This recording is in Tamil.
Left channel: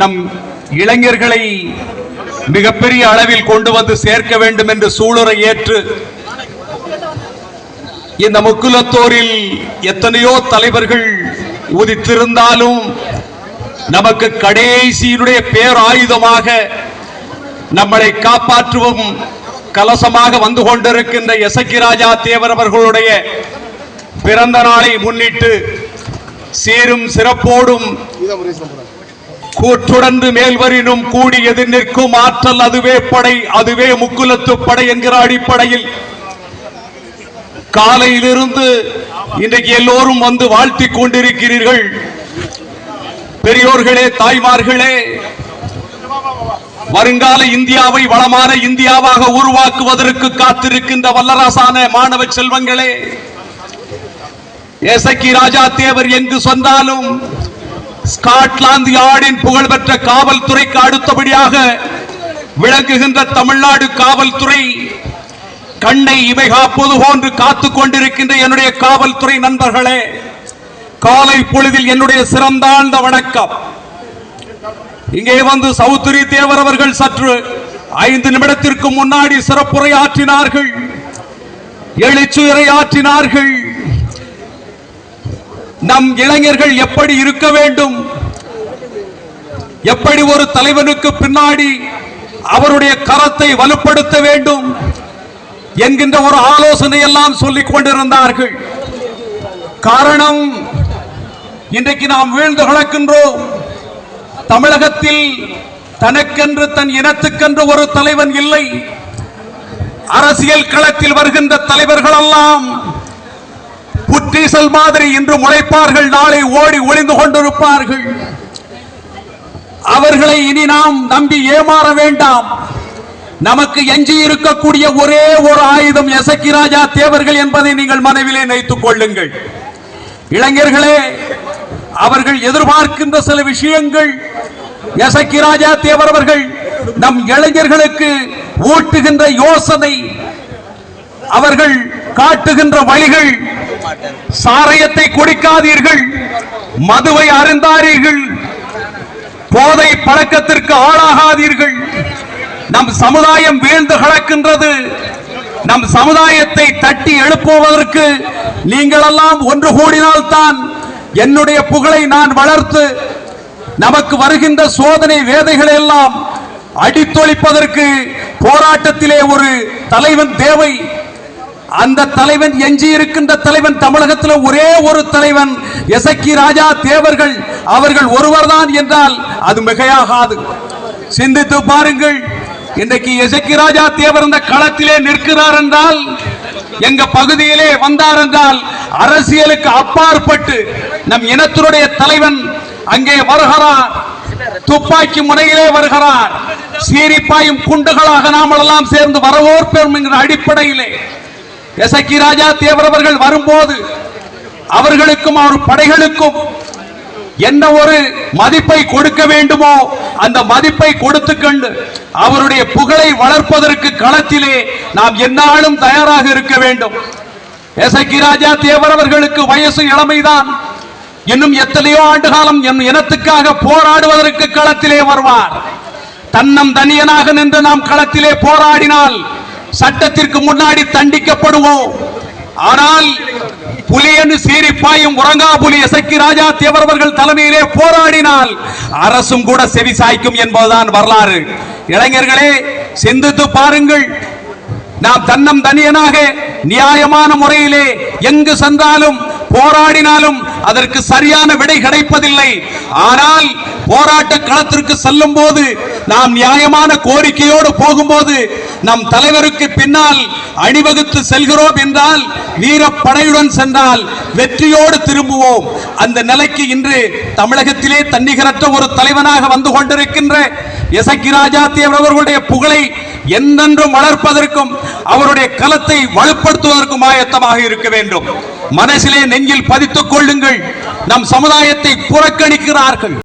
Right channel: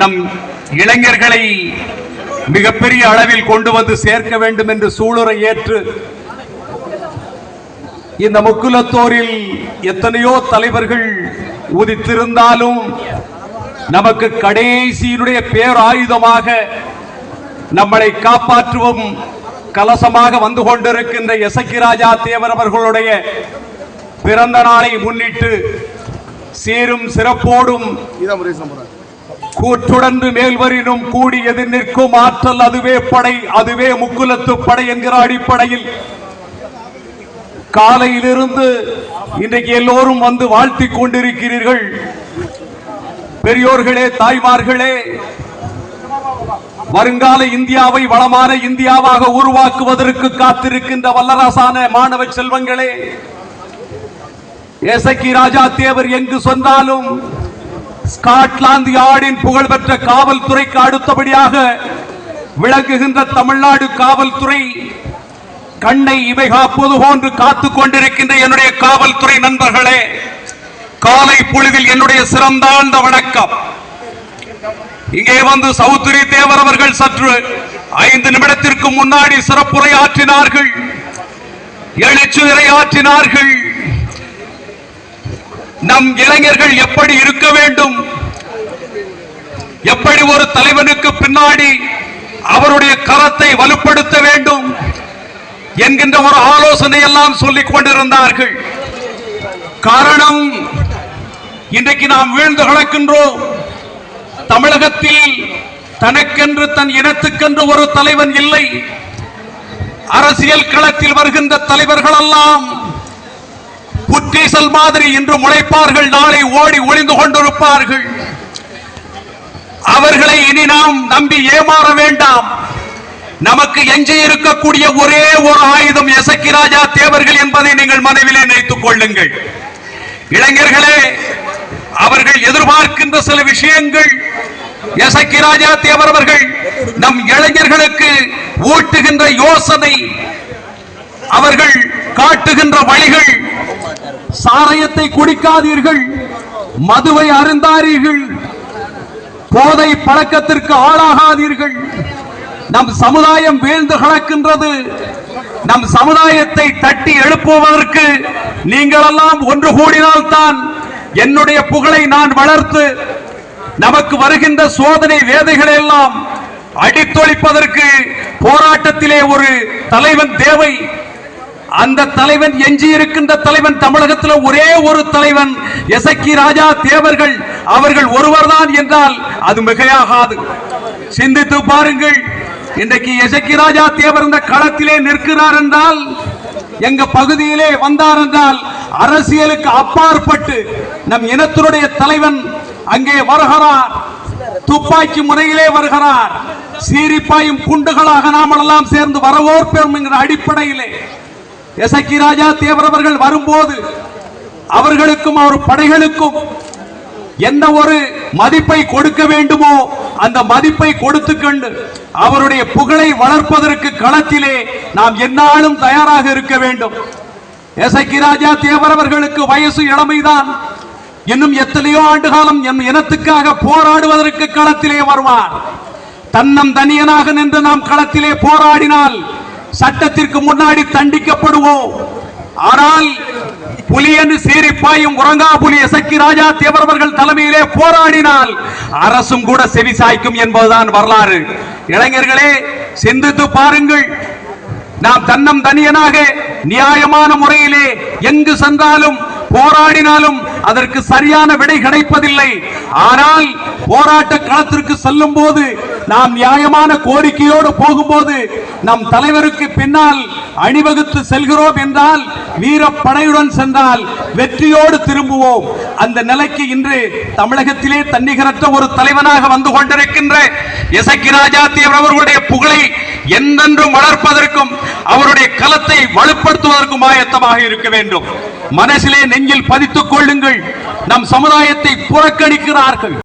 நம் இளைஞர்களை மிகப்பெரிய அளவில் கொண்டு வந்து சேர்க்க வேண்டும் என்று சூளுரை ஏற்று இந்த முக்குலத்தோரில் எத்தனையோ தலைவர்கள் உதித்திருந்தாலும் நமக்கு கடைசியினுடைய பேராயுதமாக நம்மளை காப்பாற்றுவோம் கலசமாக வந்து கொண்டிருக்கின்ற எசக்கி ராஜா தேவர் அவர்களுடைய பிறந்த நாளை முன்னிட்டு சீரும் சிறப்போடும் கூற்றுடந்து மேல்வரினும் கூடி எதிர் நிற்கும் ஆற்றல் அதுவே படை, அதுவே முக்குலத்து படை என்கிற அடிப்படையில் காலையிலிருந்து இன்றைக்கு எல்லோரும் வந்து வாழ்த்தி கொண்டிருக்கிறீர்கள். பெரியோர்களே, தாய்மார்களே, வருங்கால இந்தியாவை வளமான இந்தியாவாக உருவாக்குவதற்கு காத்திருக்கின்ற வல்லரசான மாணவ செல்வங்களே, எசக்கி ராஜா தேவர் எங்கு சொன்னாலும் ஸ்காட்லாந்து யார்டின் புகழ்பெற்ற காவல்துறைக்கு அடுத்தபடியாக விளங்குகின்ற தமிழ்நாடு காவல்துறை கண்ணை இமை காப்பது போன்று காத்துக் கொண்டிருக்கின்ற என்னுடைய காவல்துறை நண்பர்களே, காலை பொழுதில் என்னுடைய சிறந்தாழ்ந்த வணக்கம். இங்கே வந்து சௌத்ரி தேவர் அவர்கள் சற்று 5 நிமிடத்திற்கு முன்னாடி சிறப்புரை ஆற்றினார்கள், எழுச்சுரை ஆற்றினார்கள். நம் இளைஞர்கள் எப்படி இருக்க வேண்டும், எப்படி ஒரு தலைவனுக்கு பின்னாடி அவருடைய கரத்தை வலுப்படுத்த வேண்டும் என்கின்ற ஒரு ஆலோசனை எல்லாம் சொல்லிக் கொண்டிருந்தார்கள். காரணம், இன்றைக்கு நாம் வீழ்ந்து கிடக்கின்றோம். தமிழகத்தில் தனக்கென்று தன் இனத்துக்கென்று ஒரு தலைவன் இல்லை. அரசியல் களத்தில் வருகின்ற தலைவர்கள் எல்லாம் புற்றீசல் மாதிரி இன்று முளைப்பார்கள், நாளை ஓடி ஒளிந்து கொண்டிருப்பார்கள். அவர்களை இனி நாம் நம்பி ஏமாற வேண்டாம். நமக்கு எஞ்சி இருக்கக்கூடிய ஒரே ஒரு ஆயுதம் எசக்கி ராஜா தேவர்கள் என்பதை நீங்கள் மனதிலே நினைத்துக் கொள்ளுங்கள். இளைஞர்களே, அவர்கள் எதிர்பார்க்கின்ற சில விஷயங்கள் எசக்கி ராஜா தேவர் அவர்கள் நம் இளைஞர்களுக்கு ஊட்டுகின்ற யோசனை, அவர்கள் காட்டுகின்ற வழிகள், சாராயத்தை குடிக்காதீர்கள், மதுவை அருந்தாதீர்கள், போதை பழக்கத்திற்கு ஆளாகாதீர்கள். நம் சமுதாயம் வீழ்ந்து கிடக்கின்றது. நம் சமுதாயத்தை தட்டி எழுப்புவதற்கு நீங்கள் எல்லாம் ஒன்று கூடினால்தான் என்னுடைய புகழை நான் வளர்த்து நமக்கு வருகின்ற சோதனை வேதைகளை எல்லாம் அடித்தொழிப்பதற்கு போராட்டத்திலே ஒரு தலைவன் தேவை. அந்த தலைவன், எஞ்சி இருக்கின்ற தலைவன் தமிழகத்தில் ஒரே ஒரு தலைவன் எசக்கி ராஜா தேவர்கள் அவர்கள் ஒருவர்தான் என்றால் அது மிகையாகாது. சிந்தித்து பாருங்கள். இன்றைக்கு எசக்கி ராஜா தேவர் இந்த களத்திலே நிற்கிறார் என்றால், எங்க பகுதியிலே வந்தார் என்றால், அரசியலுக்கு அப்பாற்பட்டு நம் இனத்தினுடைய தலைவன் அங்கே வருகிறார். துப்பாக்கி முனையிலே வருகிறார். சீரிப்பாயும் குண்டுகளாக நாம் எல்லாம் சேர்ந்து வரவேற்போம் என்கிற அடிப்படையிலே எசக்கி ராஜா தேவர் அவர்கள் வரும்போது அவர்களுக்கும் அவர் படைகளுக்கும் என்ன ஒரு மதிப்பை கொடுக்க வேண்டுமோ அந்த மதிப்பை கொடுத்துக்கொண்டு அவருடைய புகழை வளர்ப்பதற்கு களத்திலே நாம் எந்நாளும் தயாராக இருக்க வேண்டும். எசக்கி ராஜா தேவர் அவர்களுக்கு வயசு இளமைதான். இன்னும் எத்தனையோ ஆண்டு காலம் என் இனத்துக்காக போராடுவதற்கு களத்திலே வருவார். தன்னம் தனியனாக நின்று நாம் களத்திலே போராடினால் சட்டத்திற்கு முன்னாடி தண்டிக்கப்படுவோம். ஆனால் புலியன்னு சீரிப்பாயும் உறங்கா புலி எசக்கி ராஜா தேவர் அவர்கள் தலைமையிலே போராடினால் அரசும் கூட செவி சாய்க்கும் என்பதுதான் வரலாறு. இளைஞர்களே, சிந்தித்து பாருங்கள். நாம் தன்னம் தனியனாக நியாயமான முறையிலே எங்கு சென்றாலும் போராடினாலும் அதற்கு சரியான விடை கிடைப்பதில்லை. ஆனால் போராட்ட களத்திற்கு செல்லும் போது நாம் நியாயமான கோரிக்கையோடு போகும்போது நம் தலைவருக்கு பின்னால் அணிவகுத்து செல்கிறோம் என்றால், வீரப்படையுடன் சென்றால் வெற்றியோடு திரும்புவோம். அந்த நிலைக்கு இன்று தமிழகத்திலே தன்னிகரற்ற ஒரு தலைவனாக வந்து கொண்டிருக்கின்ற எசக்கி ராஜா தேவர் அவர்களுடைய புகழை என்றென்றும் வளர்ப்பதற்கும் அவருடைய களத்தை வலுப்படுத்துவதற்கும் ஆயத்தமாக இருக்க வேண்டும். மனசிலே நெஞ்சில் பதித்துக் கொள்ளுங்கள். நம் சமுதாயத்தை புறக்கணிக்கிறார்கள்.